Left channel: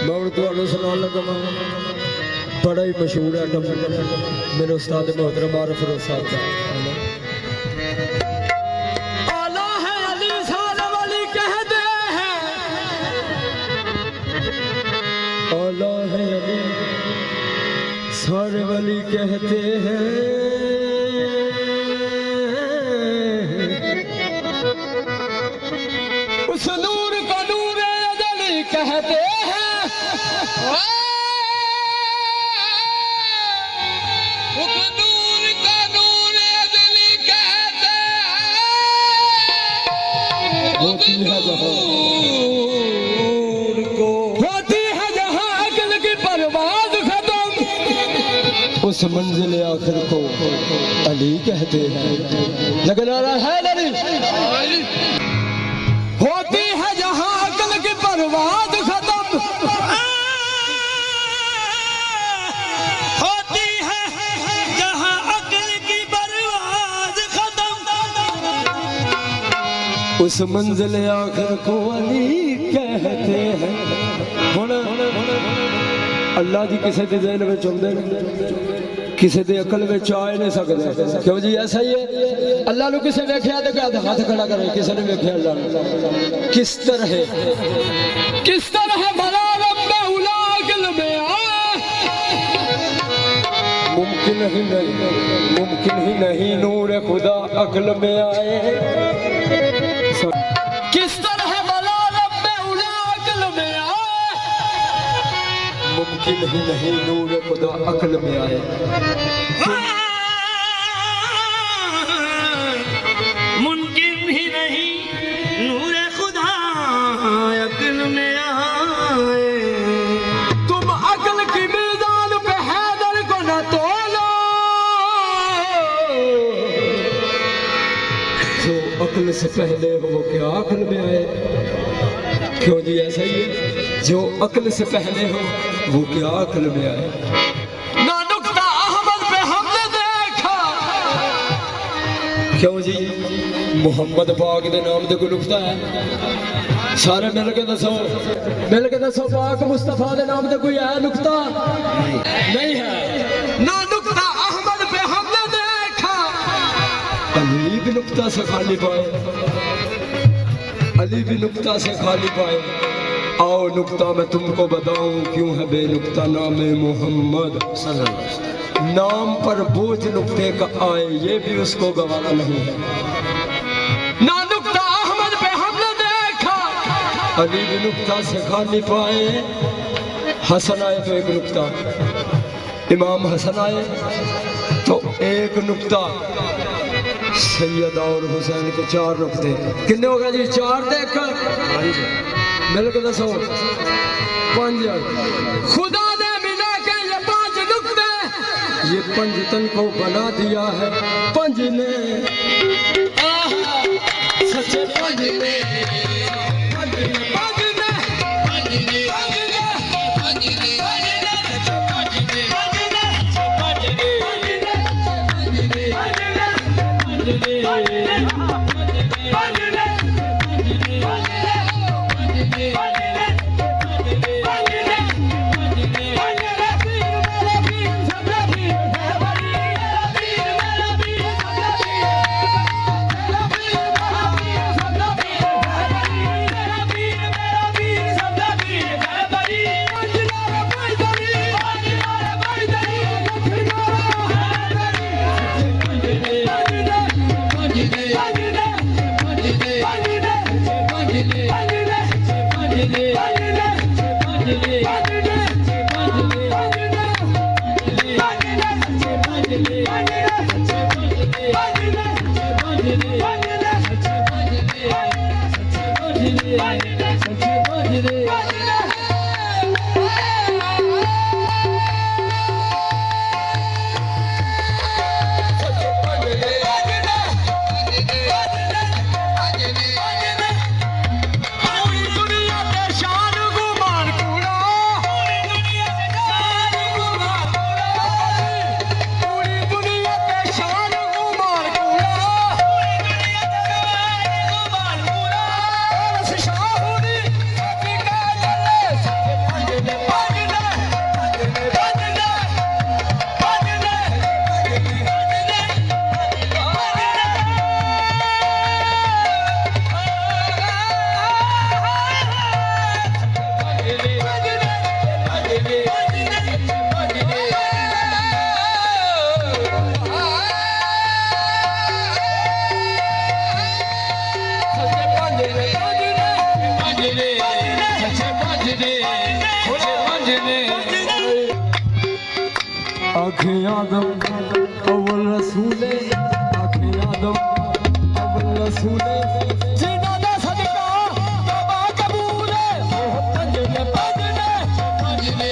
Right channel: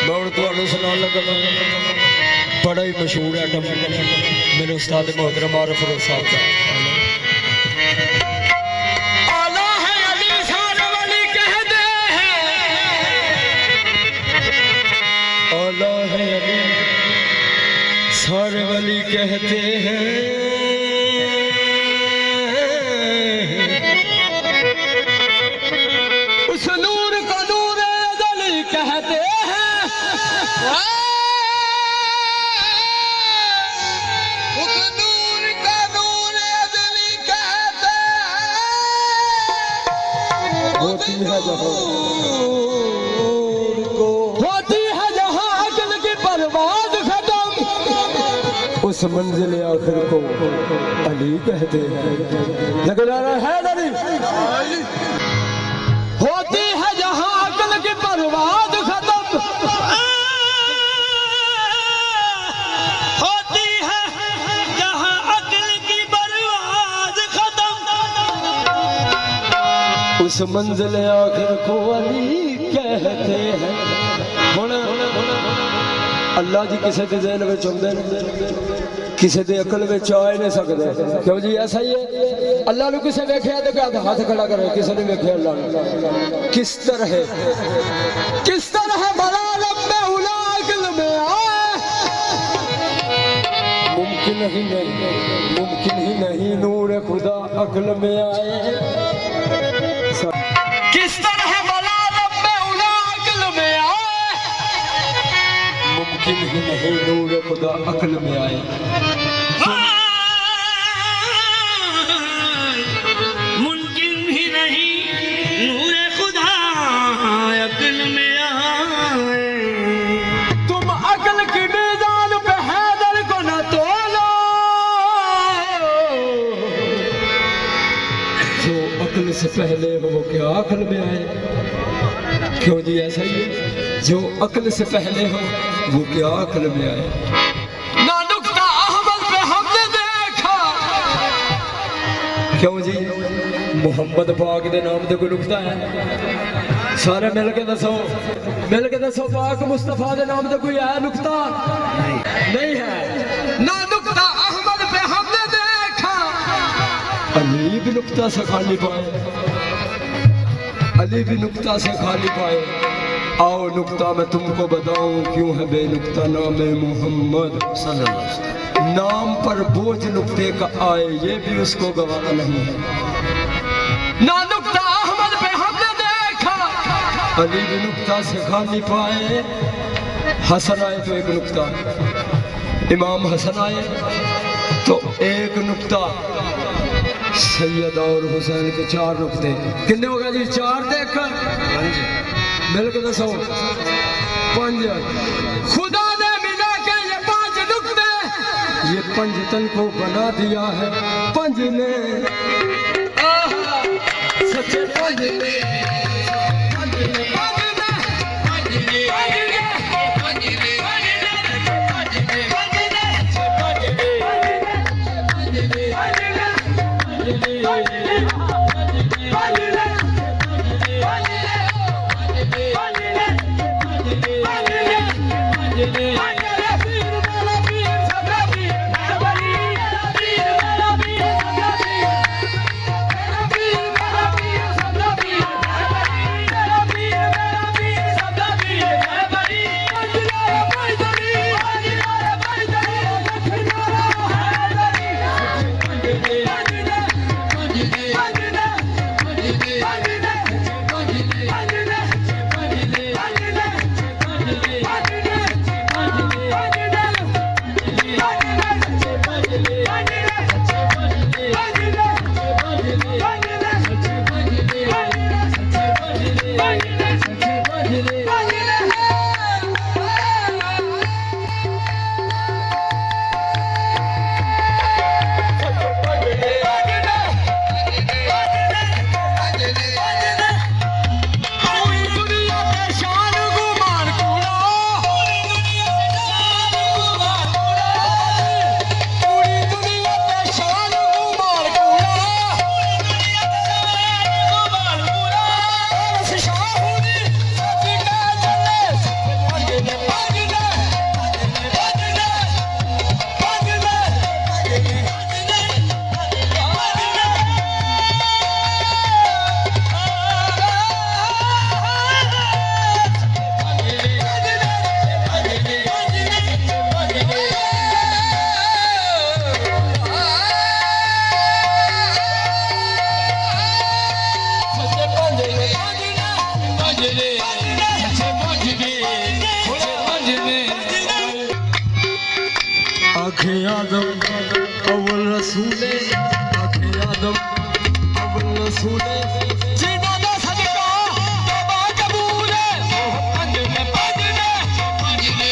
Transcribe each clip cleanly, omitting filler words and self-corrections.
मैं हूँ तुहानू सुनान लगा बड़ा ही मशहूर आइटम मेरे उस्ताद मोहतरम आरिफ फिरोज साहब का। आला है अली शान वाली कहते हैं, आला है अली शान वाली कहते हैं, उस नूर को नूर अज़ली कहते हैं, होती है जहाँ अकल की परवाज़ खत्म, उस मंजिल आखिर को अली कहते हैं। लगना है अली होती है जहाँ अकल की परवाज़ खत्म, होती है जहाँ अकल की परवाज़ खत्म, उस मंजिल आखिर को अली कहते हैं। होना अल्लाह जी किसी के ज़हन में आउंदे ने, किसी के अकल में आ ही नहीं सकते। क्यों जी ऐसा ही है। अल्लाह ने किसी वेख्या तो क्या हाथ खड़ा करे, किसी ने वेख्या अल्लाह ने किस तरह बड़ा लंबे उला अकल में आए, मुमकिन ही नहीं नूर खुदा अकल में आए। किस तरह बला रब्बे उला अकल में आए, मुमकिन ही नहीं नूर खुदा अकल में आए। मुमकिन ही नहीं नूर खुदा अकल में आए। तुम अकल की मीज़ान पे हैदर को न तोलो, जो अकल से पहले हो वो क्या अकल में आए। क्यों जी ऐसा ही है। जो अकल से पहले हो वो क्या अकल में आए। ना नुक्ता अहमद पे हमने देखा, क्यों जी मोहम्मद पाक के नाम दे कोई नुक्ता है। सारे मिल के दसो पाक मुस्तफा के नाम दे कोई है नुक्ता? नहीं है। ना नुक्ता अहमद पे हमने देखा, अली भी नुक्ता से खाली पाए, अली भी नुक्ता से खाली पाए। आओ नुक्ता मैं तुमको बताऊं क्यों है बेनुक्ता नाम मोहम्मद। नाम पर बोझ नुक्ते का आए ये भी उसको गवारा नहीं है। ना नुक्ता अहमद पे हमने देखा, अली भी नुक्ता से खाली पाए। हसन आए तो एक नुक्ता, इमाम हसन आए तो एक नुक्ता, सैयदा और हुसैन के 4 नुक्ते। कितने हो गए जी? 4 देख मिल के दसो 5। खुदा ने मिला के ये 5 नुक्ते, ये पंजतन को बना दिया है पंज ने, सच्चे पंज ने। आखे आदम अव्वल रसूले आखे आदम अव्वल रसूले जिन्हों दा सदका तौबा कबूल है पंज ने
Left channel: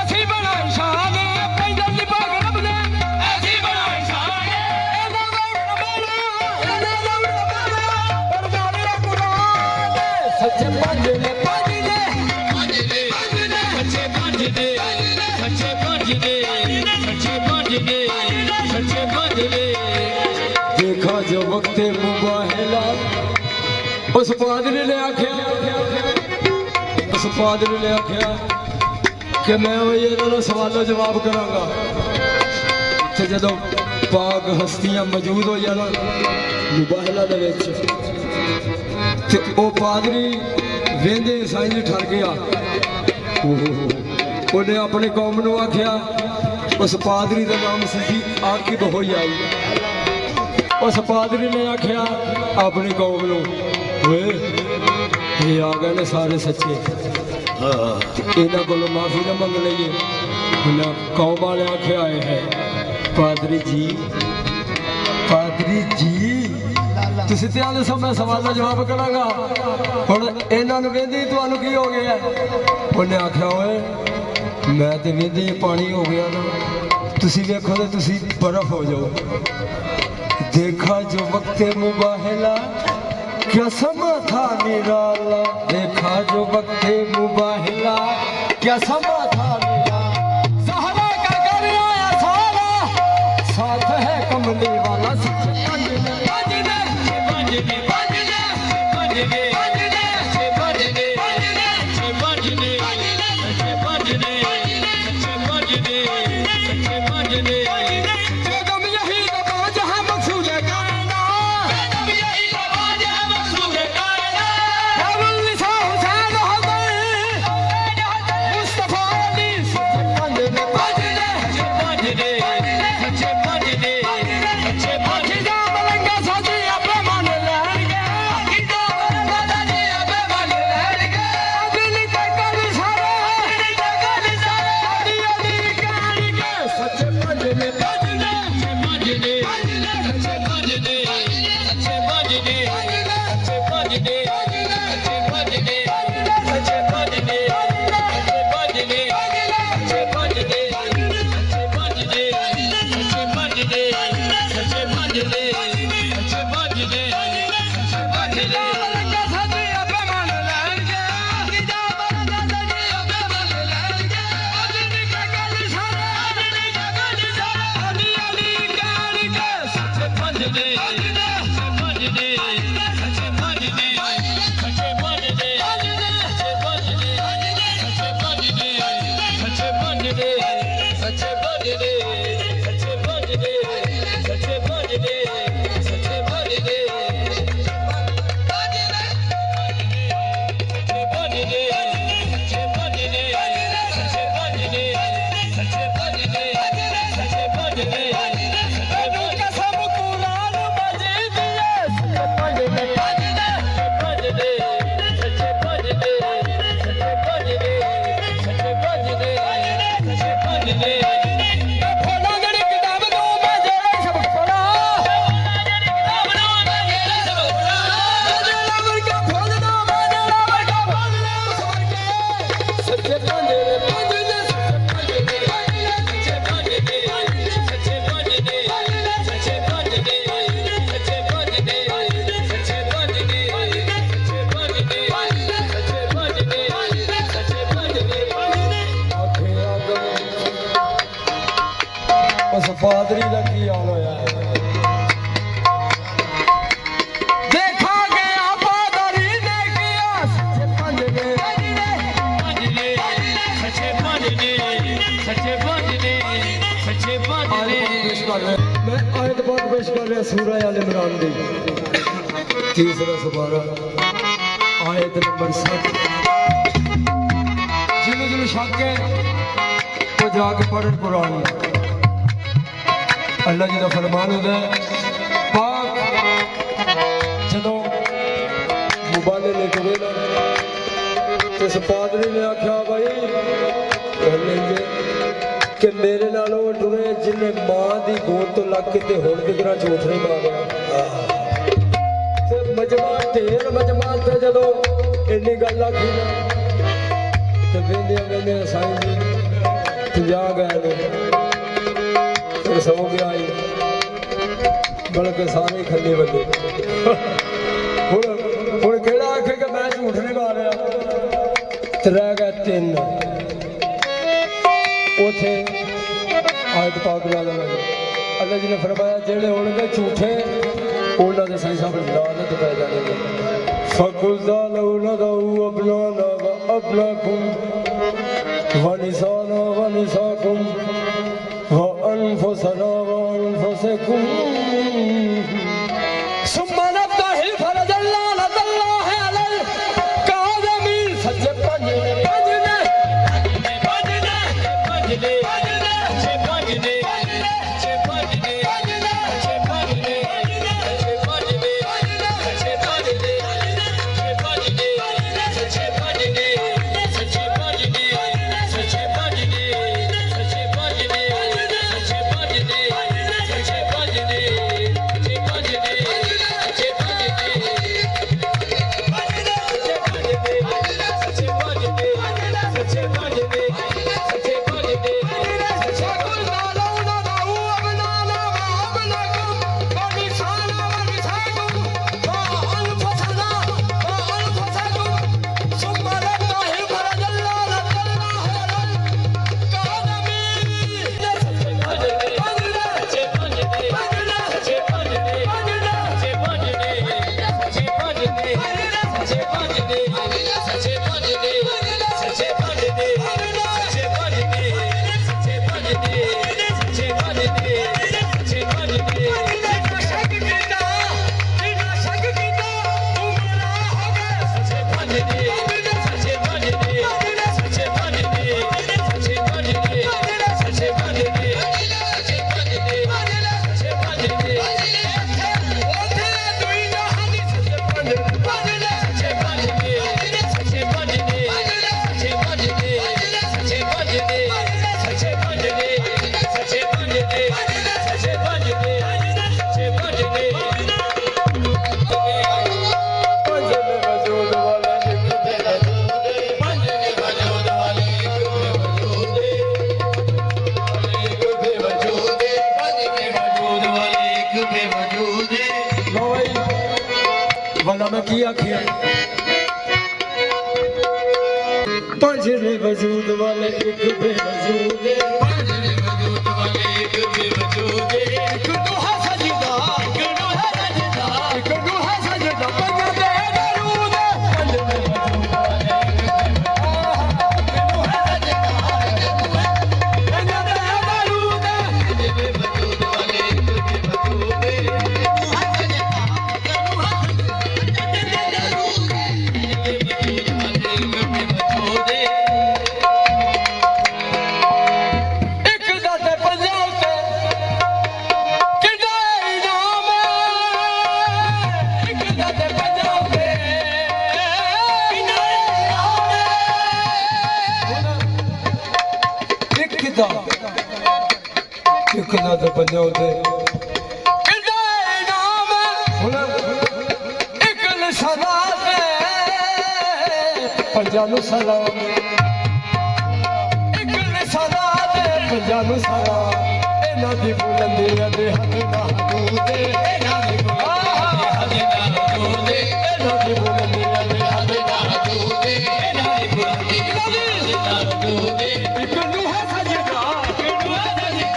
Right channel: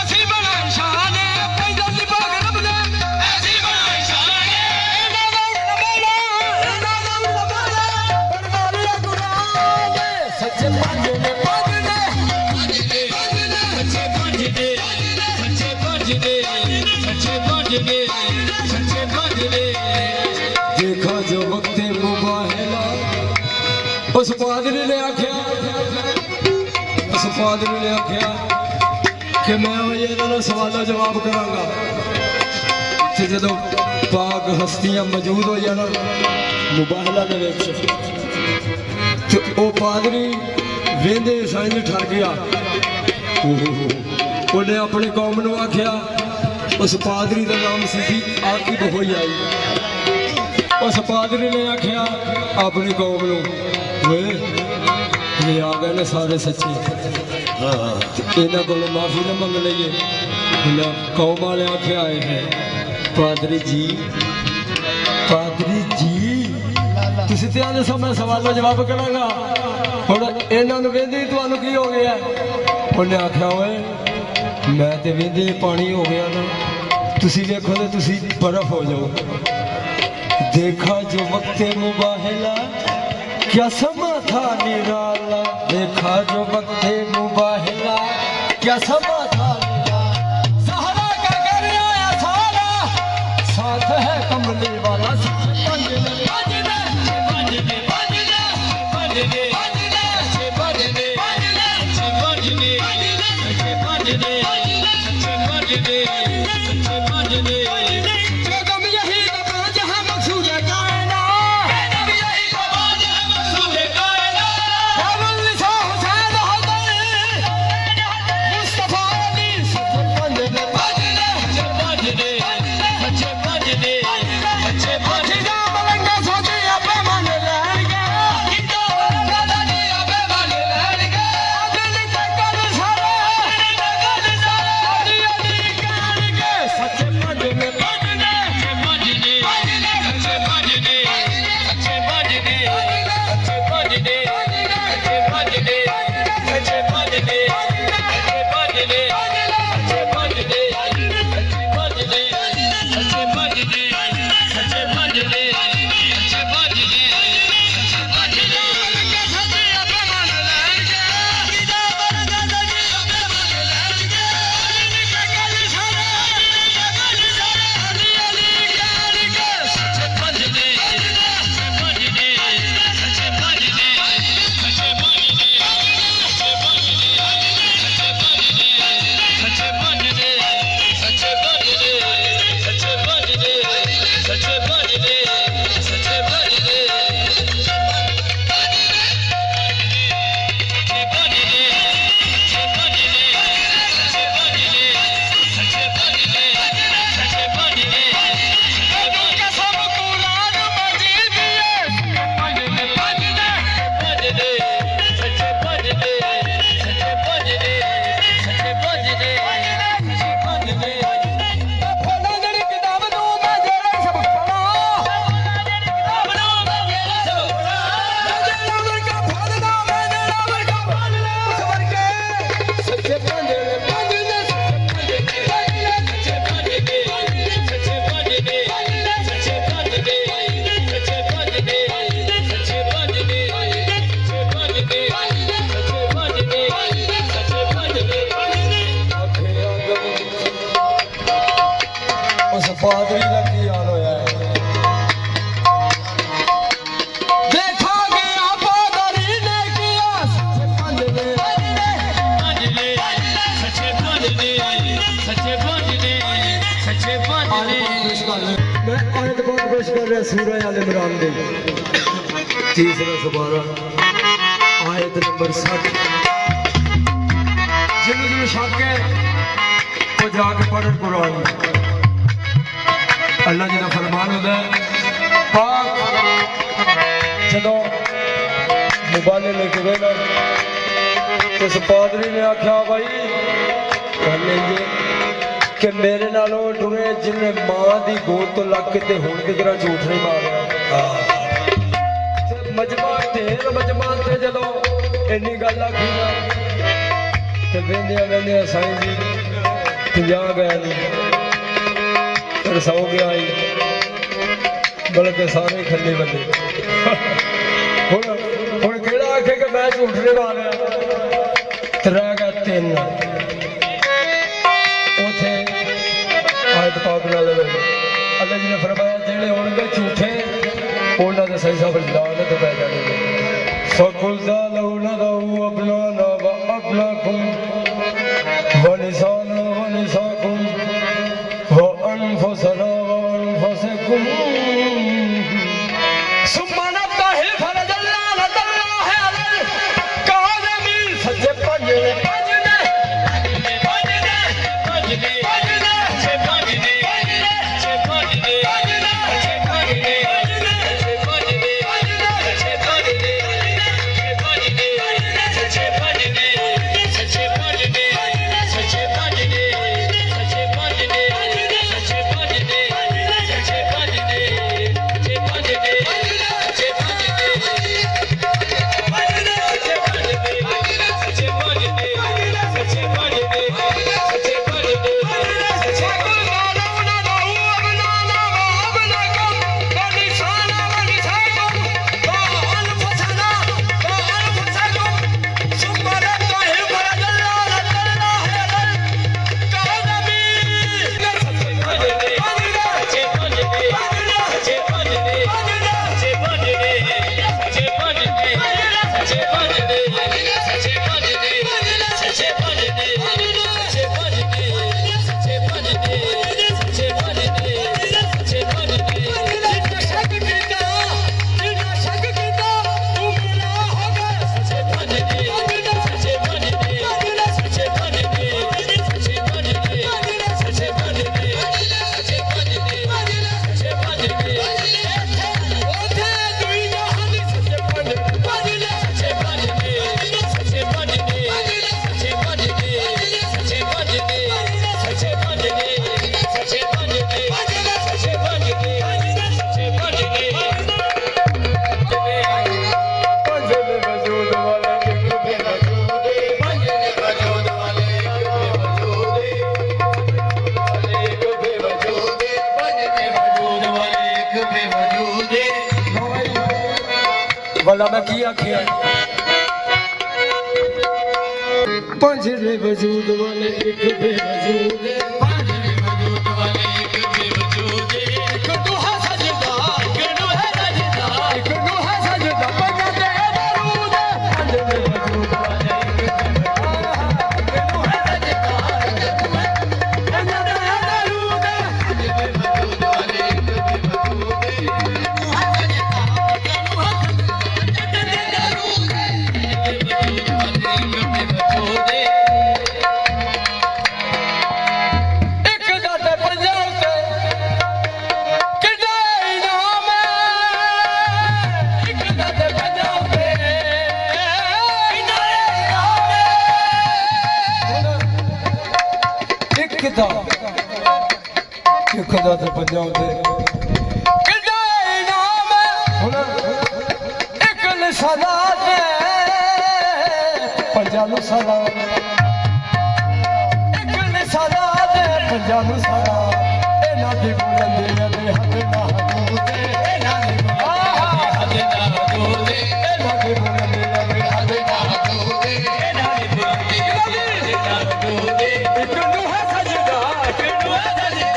ऐसी बनाई शान पैदल दी पाक रब ने ऐसी बनाई शान सच्चे पंज ने देखा जो वक्त मुबाहिला उस पादरी ने आख्या कि मैं इन्होंने सवालों जवाब करांगा ते जदों पाक हस्तियां मौजूद हो जाना मुबाहिला दे विच ते ओ पादरी वेंदे साइंज ठर गया उन्हें अपनी कौम नूं आख्या उस पादरी का नाम सी आकिब हो आई उस पादरी ने आख्या अपनी कौम नूं वे ये आ गए ने सारे सच्चे इन्हों को माफी ना मंग लीए इन्हें कौम वाले आखे आए हैं पादरी जी तुसी ते आले समय सवालों जवाब करांगा हुण इन्हां नूं वेंदे तुहानूं की हो गया उन्हें आख्या ओए मैं ते वेंदे पानी हो गया ना तुसी देखो तो तुसी बर्फ हो जाओ देखा जो वक्त मुबाहिला क्या समा था निराला देखा जो वक्त मुबाहिला क्या समा था निराला सहरा का कर आया सारा साथ है कमली वाला पादरी का की हाल होया है देखा गया पादरी ने किया सच्चे पंज ने मैं आयत बहुत पेश कर रहा सूरह आल इमरान दी तीसरा सुपारा आयत नंबर 60 जिन्होंने शक है तो जाके पढ़ कुरान अल्लाह जी का फरमान है पाक जदों मुबाले लेके गए ना इस पादरी ने आख्या भाई कि मेरे नालों टुरे जिन्हें मां की गोद तो लग के हुण की तरह झूठ नहीं मारिया मजमा ढेर मजमा थे जदों इन्नी गल आखी ना ते वेंदिया वेंदिया साईं जी 50 गए ने फिर 100 गया ही बल्कि सारे खली बंदे हुण केड़ा आखे कि मैं झूठ नहीं मारिया ते रह गया 3 उथे आयत पाक नाल अल्लाह जी ने फरमाया जेड़े होणगे झूठे उन्हां दे सही साहब लानत पै जाणगे फकुल ज़ालू नदऊ अबनाना व अबनाकुम व निसाना व निसाकुम व अनफुसना व अनफुसकुम सुम्मा नब्तहिल फरजल्लाह है अलल काज़मीन सच्चे भला मैं की आखिया पंजरे वजूद वाले एक बेवजूद एक दुहा सजदा एक दुहा सजदा पंजरे दरूद पंजरे वजूद वाले खुदा तो पंजाब दे एक निशाना पंजाब सलाम एक निशाना पंजाब सलाम इन्हां दी बुलंदी दे हद ना हदूद इन्हां दी बुलंदी इन्हां दी बुलंदी दे हद ना हदूद इन्हां दी बुलंदी एक नूह सजदा एक नूह सजदा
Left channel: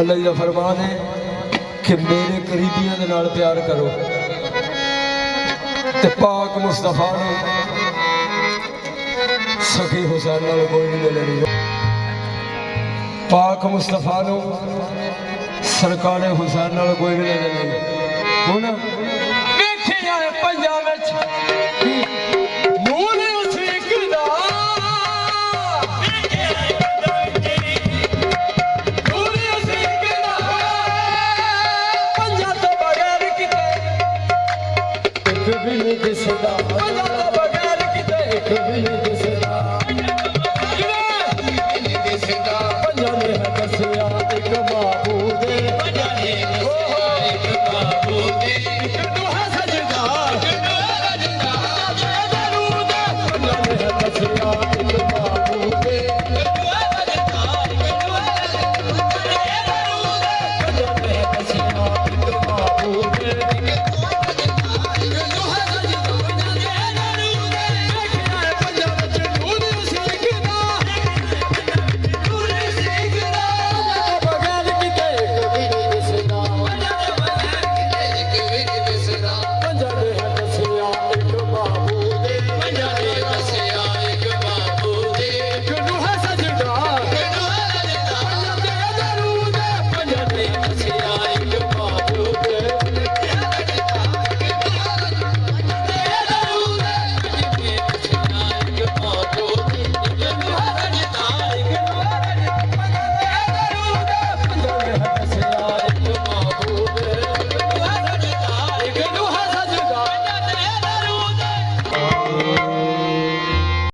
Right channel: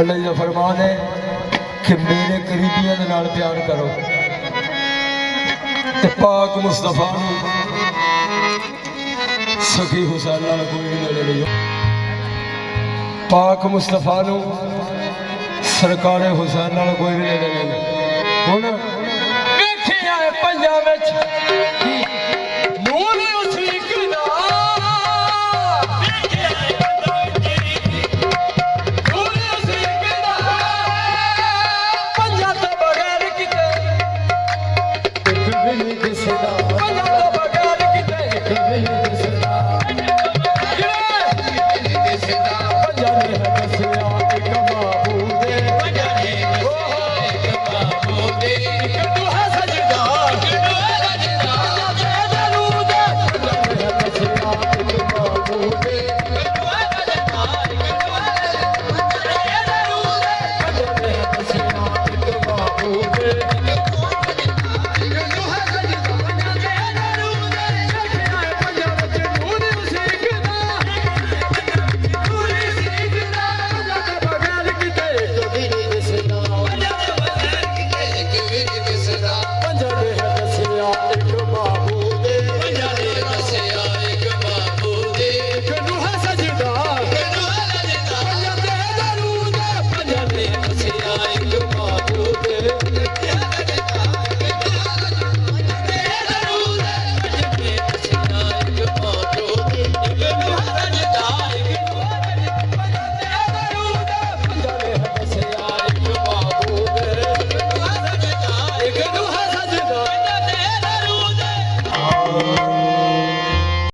अल्लाह जी का फरमान है कि मेरे करीबियां दे नाल प्यार करो ते पाक मुस्तफा नूं सखी हुसैन नाल कोई भी मिले नहीं पाक मुस्तफा नूं सरकार हुसैन नाल कोई भी मिले नहीं हुण वेखिया पंजां विच नूर उसीक दा नूर उसीक दा पंजां तो बगैर किते एक भी नहीं दिसदा पंजां तो बगैर किते एक भी नहीं दिसदा पंजां ने है दसिया